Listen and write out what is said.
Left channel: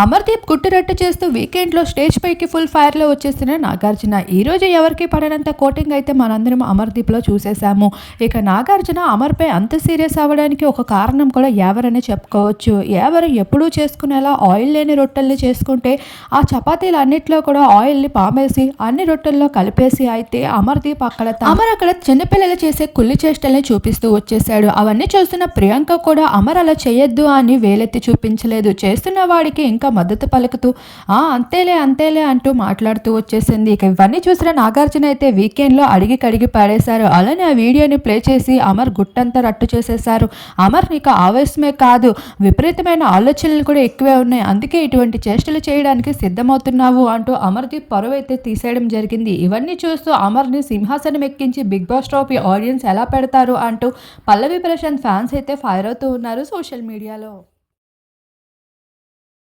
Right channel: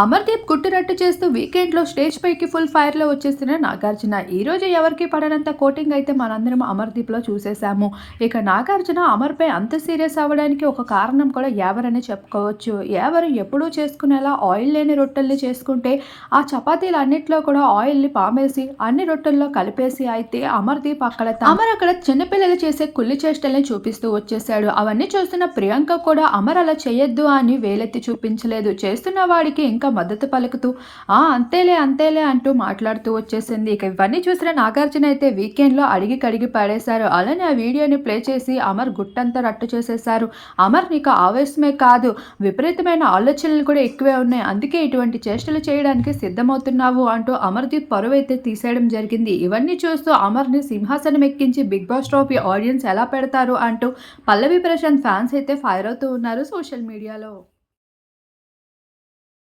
అమర్దీప్ గుట్టురట్టు చేస్తూ వీకెండ్లో స్టేజ్ పైకి ఫుల్ ఫైర్లో వచ్చేసిన నాగార్జున ఈరోజు ఎవరికి పడనంత కోటింగ్ అయితే మనందరం అమర్దీప్లో చూసేశాము. ఇక నాగార్జున అమర్పై అంత సీరియస్ అవ్వడానికి ఒక కారణం కూడా ఎవరని చెప్పుకోవచ్చు. ఎవరు ఎప్పుడూ చేసుకునేలా ఆయిల్ లేని రొట్టెల్ని చేసుకుంటే ఆ చపాతీలు అన్నిట్లో కూడా ఆయిల్ని పామేసి అన్ని రొట్టెల్లో కలిపేసి అయితే అమర్దీప్ అక్కడ అమర్ అక్కడ చిన్నపిల్లలు చేసే కుల్లి చేష్టల్ని చూపిస్తూ వచ్చేసాడు అవన్నీ చూస్తున్న ప్రియాంక కూడా అమర్ అలా చేయొద్దు అని వేలెత్తి చూపించలేదు. చేస్తున్న వాడికి ఇంకా మద్దతు పలుకుతూ ఆ అంతేలే అంతేలే అంటూ మాట్లాడుతూ వచ్చేసింది. ఇక ఇవన్నీ చూసిన నాగార్జున అయితే వీకెండ్లో అడిగి కడిగి పాడేశారు అలానే ఆ వీడియోని ప్లే చేసి అమర్ గుట్టంతా రట్టు చేసేశారు. అమర్ నీకు ఆవేశమే కాదు విపరీతమైన ఆలోచనలు కూడా ఎక్కువే ఉన్నాయి. అందుకే ఇటువంటి చేష్టలు చేయడానికి సిద్ధమవుతున్నావు అంటూ అమర్దీప్ పరువు అయితే తీసేయడం జరిగింది. ఇవన్నీ చూస్తూ అమర్ని సింహాసనం ఎక్కించి బిగ్ బాస్ ట్రోఫీ ఆడియన్స్ ఎలా పెడతారు అంటూ పల్లవి ప్రశాంత్ ఫ్యాన్స్ అయితే ఫైర్ అవుతూ ఉన్నారు సోషల్ మీడియాలో.